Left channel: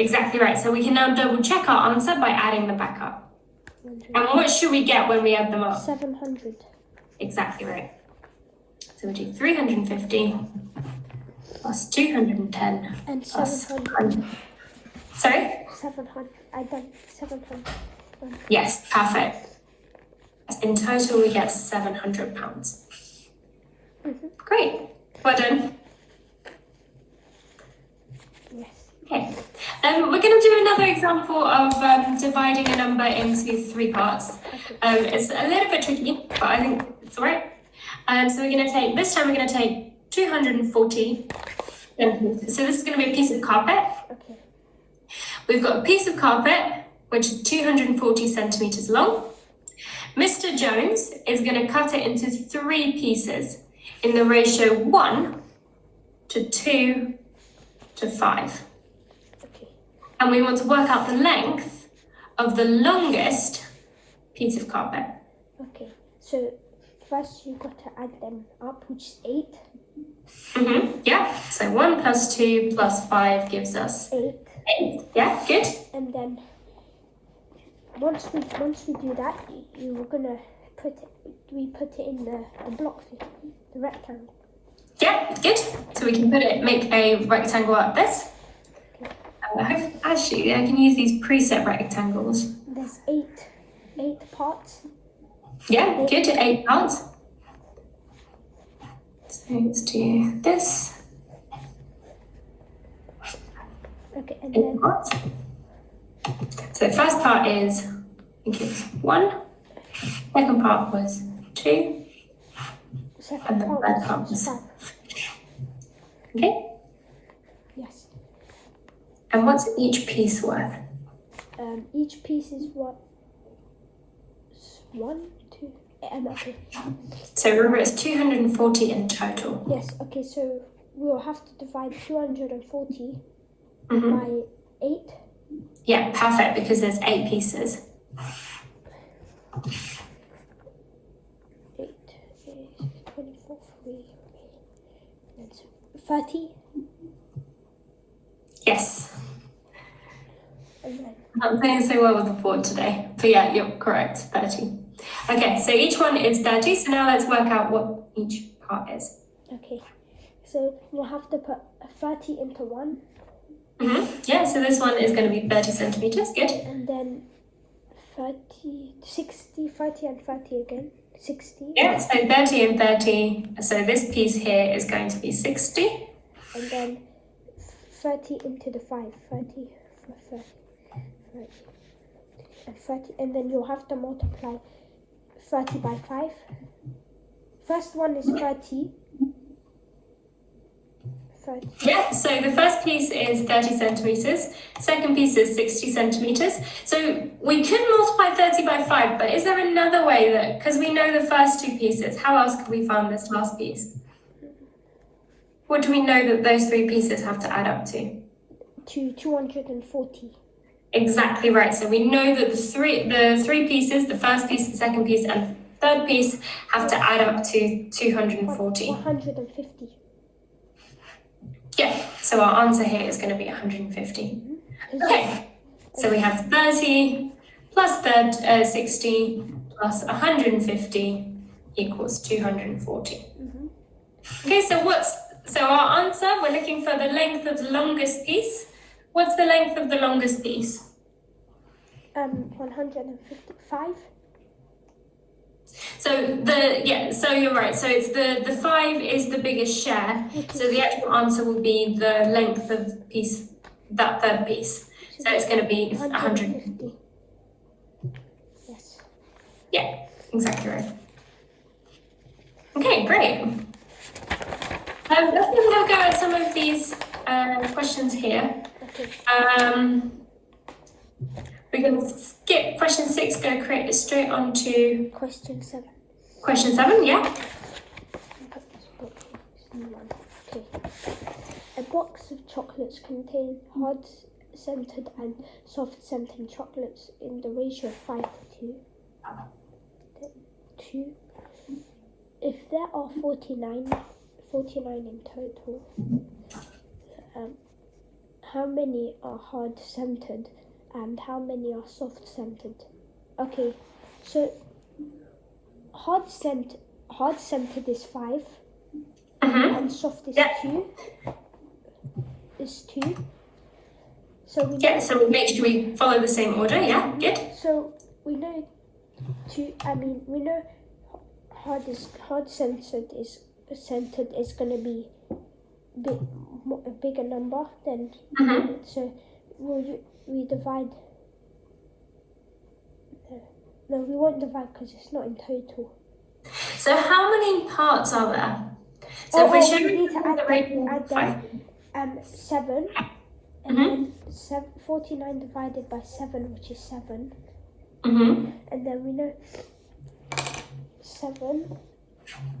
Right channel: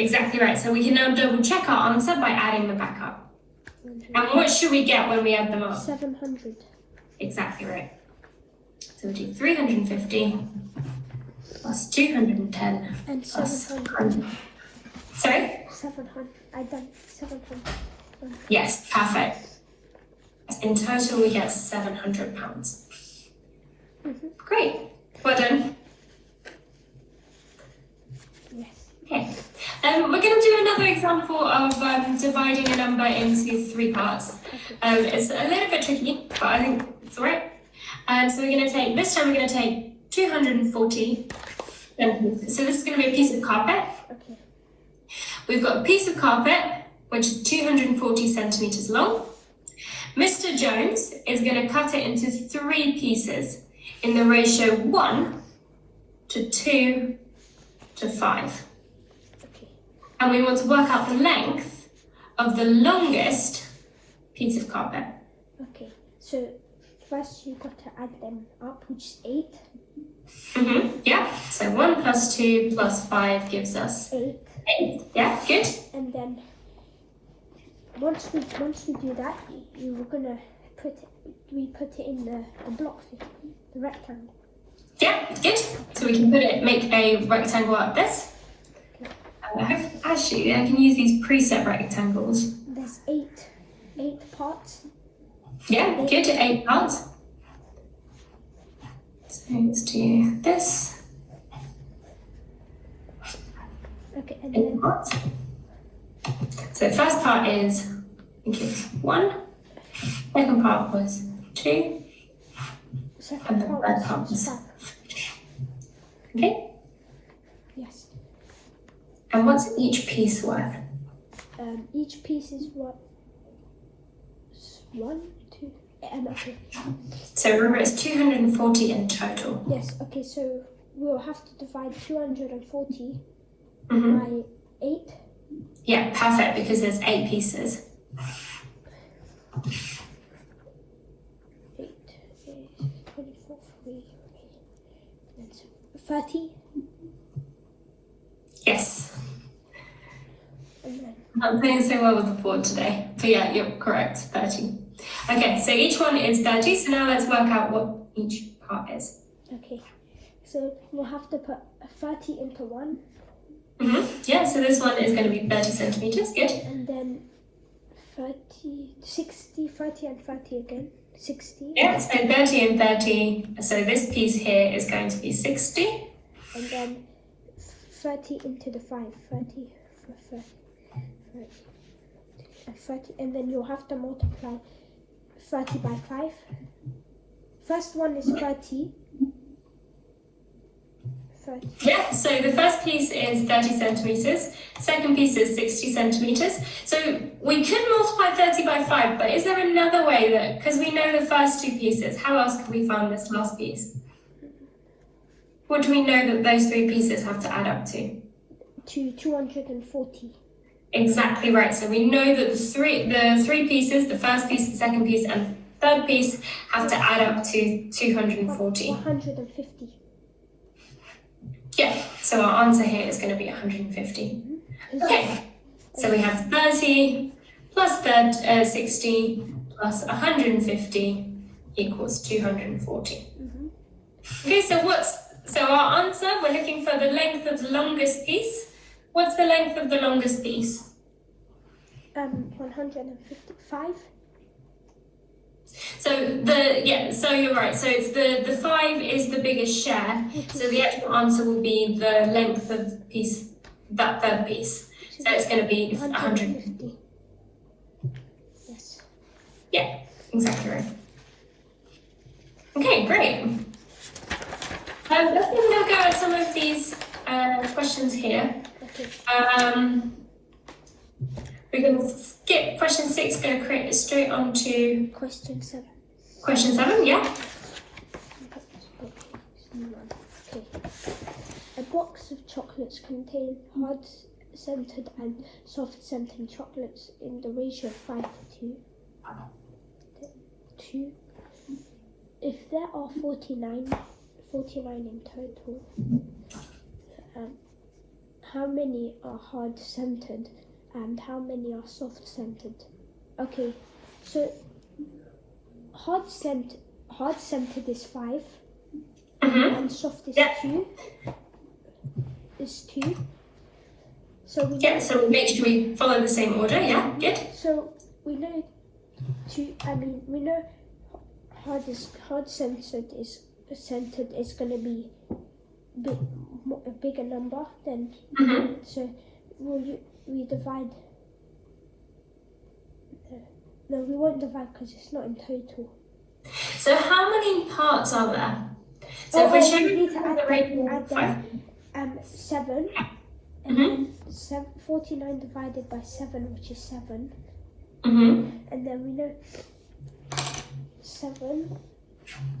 Exactly right. So we can now double check our answer by adding them back up. And what should we get when we add them up? 700. Exactly right. So we do 350 plus 210 And plus 700. 100. Sorry? 700. I done 700. Yes, perfect. In total, we get £700. Great. Well done. Yes. Okay. We're going to do another example of dividing a number into 3 parts. It's a little bit tricky, but I think it's all right. So we're going to take, this time we're going to take 240. So this is going to be a piece of carpet. Okay. We've got a piece of carpet, which is 240 centimeters long. Mr. Jones is going to cut it into 3 pieces in the ratio 1 to 2 to 5. Okay. And we want to work out the length of the longest piece of carpet. Okay. So first you got to add them up, which is 8. Yeah. So 1 plus 2 plus 5 gives us 8. 8. Yeah, good. And then once we do that, you were gonna put it in the block, the rectangle. Yeah, good. So we can make a rectangle out of this. Actually, I can use these preset rectangles. There's 8 parts. Yeah, good. 8 parts. So let's do this. Okay, and 8 then parts. So the first part is, I think it was 1. Second part was 2. And the third part was 5. Okay. Yes. And what's each piece worth? Each piece is what? 1, 2, okay. So remember, it's 240 in total. Yes. Okay. So we'll have to divide 240 by 8. Yeah, perfect, because there's 8 pieces. 8 is 24, 3, that's 30. Yes. And then I'm playing so well with the board today. But yeah, you're correct, 30. Okay, so each one is 30. So now let's work out what each part is. okay. So we'll have to put 30 into 1. Yeah, so this one is going to be 30 centimeters. Good. And then 30, 60, 30 and 30 again. 60. Yeah, so 30 and 30. So this piece here is going to be 60. And then 30 into the 5. 30, 30, and 30. And then you'll have to multiply 30 by 5. First one is 30. 30. Yeah, so the first piece is 30 centimeters. Second piece is 60 centimeters. So we could multiply 30 by 5, but is there another way that, because we know the first 2 pieces, how else could we find this last piece? What do we know that those 3 pieces have to add up to? To 240. Exactly right. So we know that the three pieces, the first piece, the second piece, and the third piece have to add up to 240. 150. Yeah, so our answer here is going to be 150. Okay, so we have 30 plus 60 plus 150 equals 240. Okay, so our answer, we're looking for the length of the longest piece. What's the length of the longest piece? 155. So so you're right. So it's the 5 is the biggest share. So the actual answer will be the length of the piece, that third piece. So it's going to be 150. Yes. Yeah, exactly right. Okay, great. Let's now go at some of these questions here. Okay. We can skip question 6, go straight on to Question 7. question 7, yeah? Okay. A box of chocolates contains hard-scented and soft-scented chocolates in the ratio of 5 to 2. If there are 49 in total, how many are hard-centered and how many are soft-centered? Okay, so hard-centered is 5 and soft is 2. Is 2. So so make sure we follow the same order. Yeah, good. So we know we know hard-centered is going to be a bigger number than. So we divide. No, we won't divide because it's not in total. So how many parts are there? So if we're we showing need to add them. 7. And then 49 divided by 7, which is 7. And then we know 7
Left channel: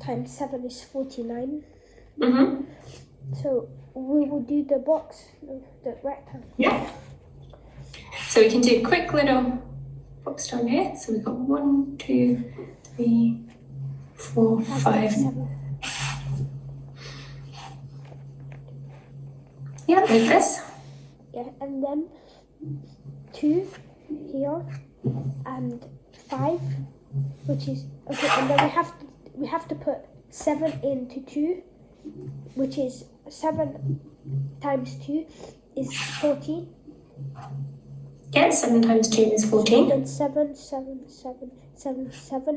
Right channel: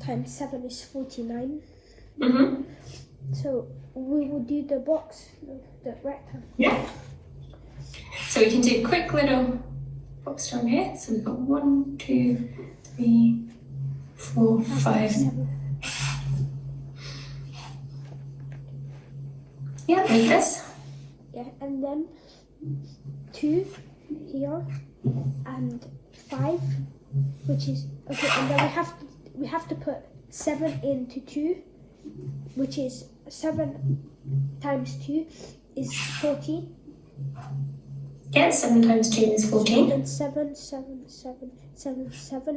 times 7 is 49. So we will do the box, the rectangle. Yeah. So we can do a quick little box down here. So we've got 1, 2, 3, 4, 5. 7. Yeah, like this. Yeah, and then 2 here and 5, which is okay. And then we have to put 7 into 2, which is 7 times 2 is 40. Yeah, 7 times 2 is 14. And then 7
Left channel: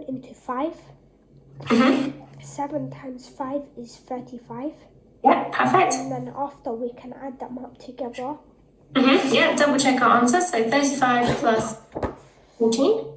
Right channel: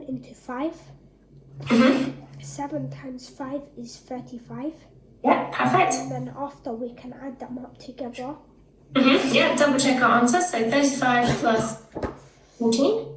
into 5. 7 times 5 is 35. Yeah, perfect. And then after we can add them up together. Yeah, double check our answer. So 35 plus 14.